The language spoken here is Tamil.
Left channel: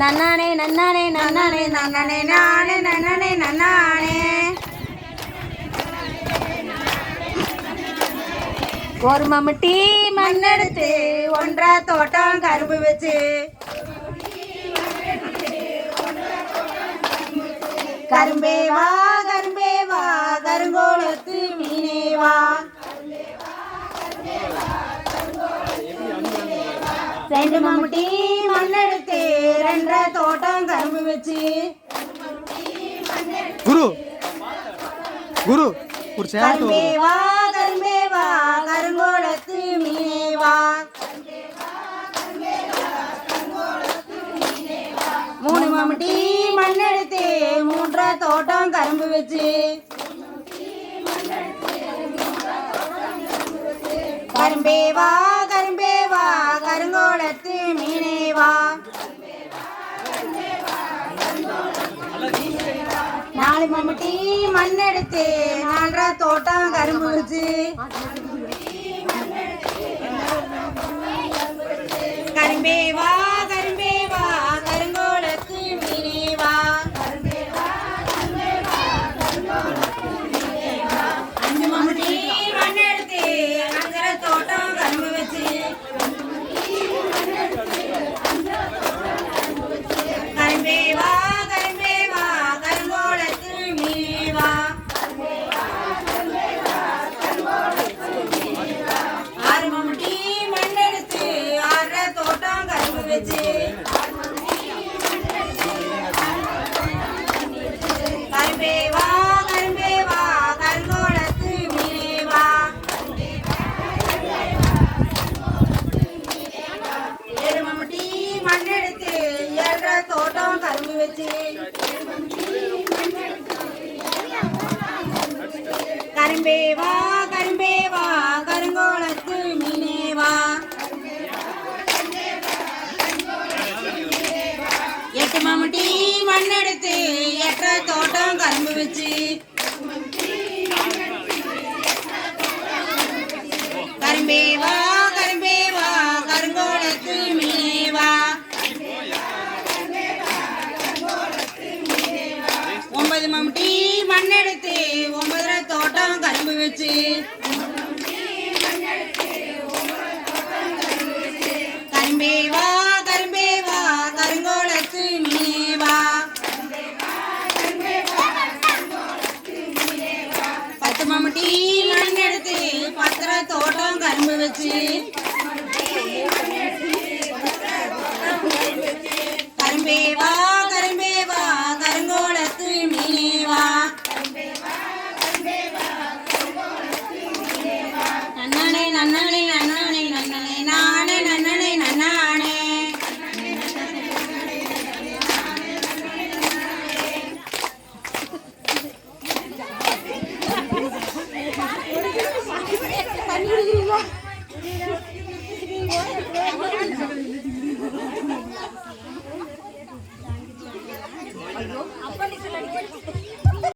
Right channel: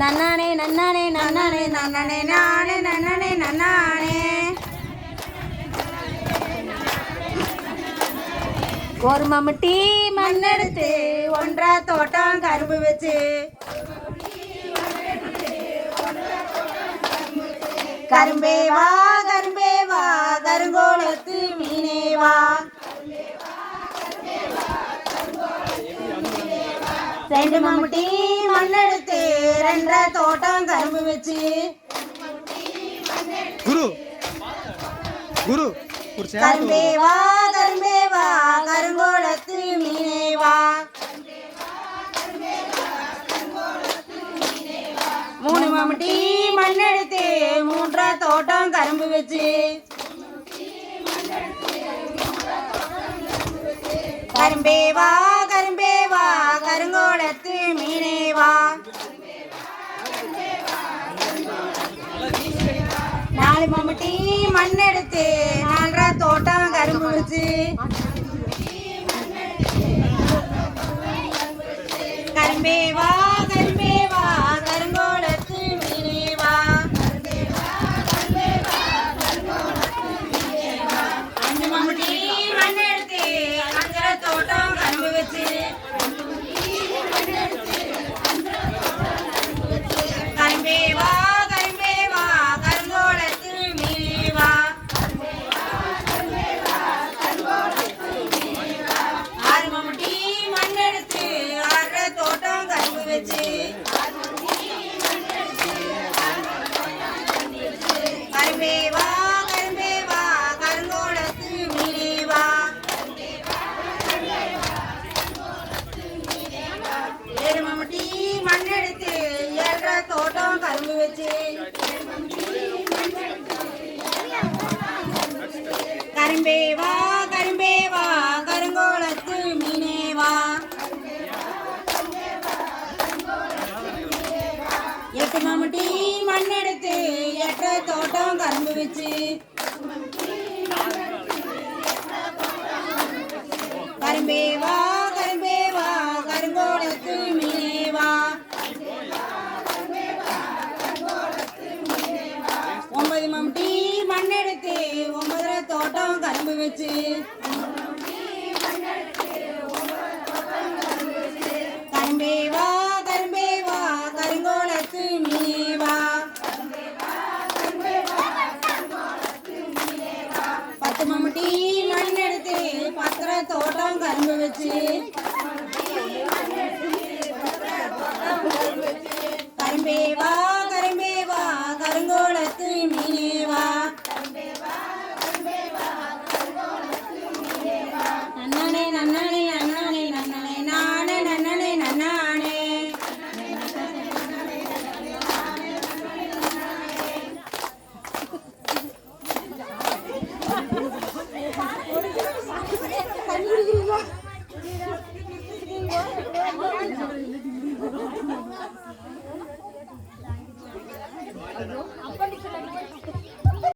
நன்னானே நன்னானே நன்னானே நன்னானே நானே நன்னானே நன்னானே. ஒரு மம்முட்டி மண்ணெடுத்து ஒன்றா தோட்டம் கரும்பு வச்சு கரும்பே வா கருங்கோலத்து மீனே வா. ரெண்டு மம்முட்டி மண்ணெடுத்து ரெண்டரை தோட்டம் கரும்பு வச்சு கரும்பே வா கருங்கோலத்து மீனே வா. மூணு மம்முட்டி மண்ணெடுத்து மூன்றரை தோட்டம் கரும்பு வச்சு கரும்பே வா கருங்கோலத்து மீனே வா. நாலு மம்முட்டி மண்ணெடுத்து நாலரை தோட்டம் கரும்பு வச்சு கரும்பே வா கருங்கோலத்து மீனே வா. அஞ்சு மம்முட்டி மண்ணெடுத்து அஞ்சரை தோட்டம் கரும்பு வச்சு கரும்பே வா கருங்கோலத்து மீனே வா. ஆறு மம்முட்டி மண்ணெடுத்து ஆறரை தோட்டம் கரும்பு வச்சு கரும்பே வா கருங்கோலத்து மீனே வா. ஏழு மம்முட்டி மண்ணெடுத்து ஏழரை தோட்டம் கரும்பு வச்சு கரும்பே வா கருங்கோலத்து மீனே வா. எட்டு மம்முட்டி மண்ணெடுத்து எட்டரை தோட்டம் கரும்பு வச்சு கரும்பே வா கருங்கோலத்து மீனே வா. ஒன்பது மம்முட்டி மண்ணெடுத்து ஒன்பதரை தோட்டம் கரும்பு வச்சு கரும்பே வா கருங்கோலத்து மீனே வா. பத்து மம்முட்டி மண்ணெடுத்து பத்தரை தோட்டம் கரும்பு வச்சு